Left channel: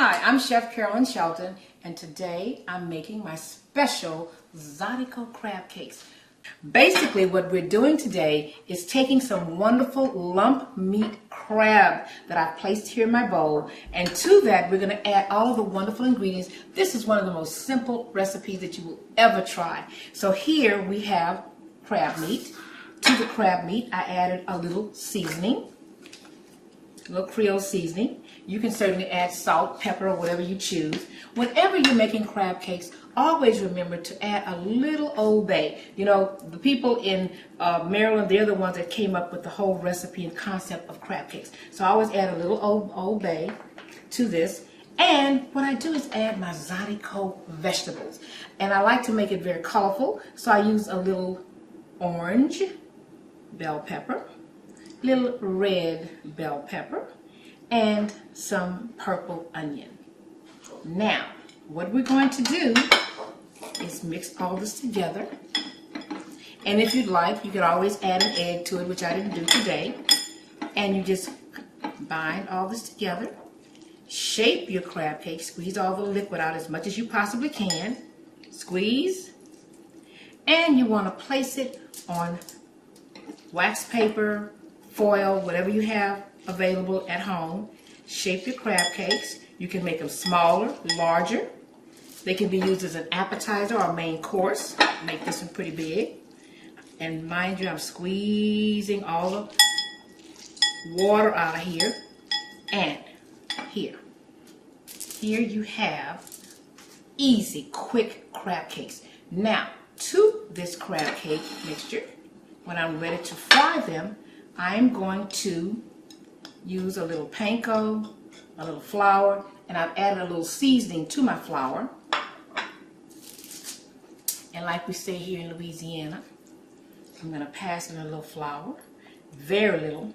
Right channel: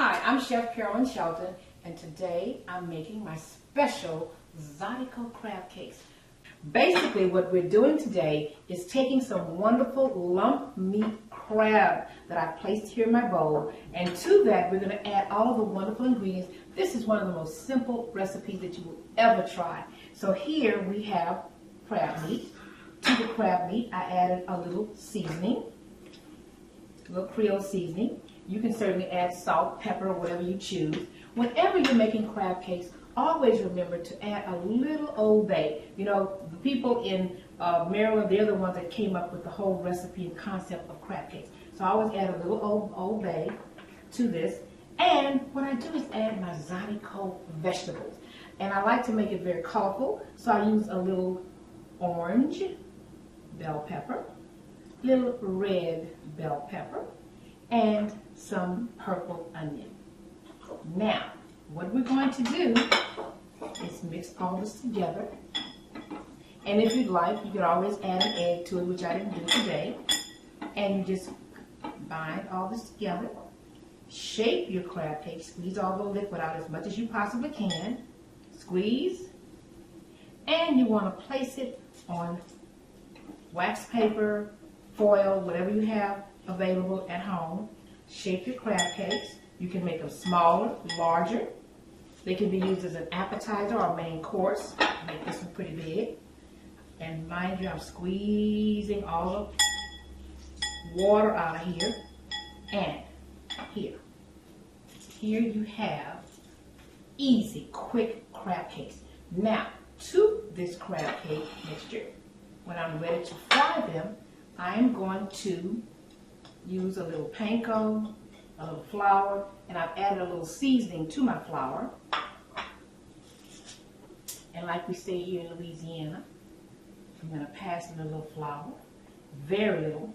Hi, I'm Chef Carolyn Shelton, and today I'm making my special Zydeco crab cakes. Basically, what we're doing today is taking some wonderful lump meat crab that I've placed here in my bowl, and to that we're going to add all of the wonderful ingredients. This is one of the most simple recipes that you will ever try. So here we have crab meat. To the crab meat, I added a little seasoning, a little Creole seasoning. You can certainly add salt, pepper, or whatever you choose. Whenever you're making crab cakes, always remember to add a little Old Bay. You know, the people in Maryland, they're the ones that came up with the whole recipe and concept of crab cakes. So I always add a little Old Bay to this. And what I do is add my Zydeco vegetables. And I like to make it very colorful, so I use a little orange bell pepper, little red bell pepper, and some purple onion. Now, what we're going to do is mix all this together. And if you'd like, you could always add an egg to it, which I didn't do today. And you just bind all this together. Shape your crab cake. Squeeze all the liquid out as much as you possibly can. Squeeze. And you want to place it on wax paper, foil, whatever you have available at home. Shape your crab cakes. You can make them smaller, larger. They can be used as an appetizer or main course. Make this one pretty big. And mind you, I'm squeezing all the water out of here. And here you have easy, quick crab cakes. Now, to this crab cake mixture, when I'm ready to fry them, I'm going to use a little panko, a little flour, and I've added a little seasoning to my flour. And like we say here in Louisiana, I'm going to pass in a little flour, very little.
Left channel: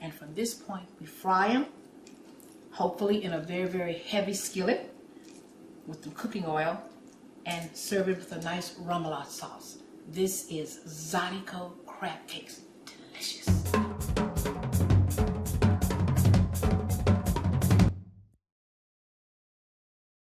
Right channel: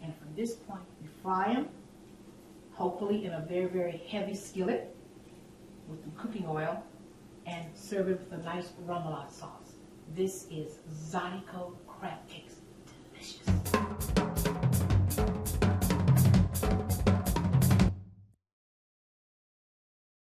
And from this point, we fry them, hopefully in a very, very heavy skillet with some cooking oil, and serve it with a nice remoulade sauce. This is Zydeco crab cakes. Delicious.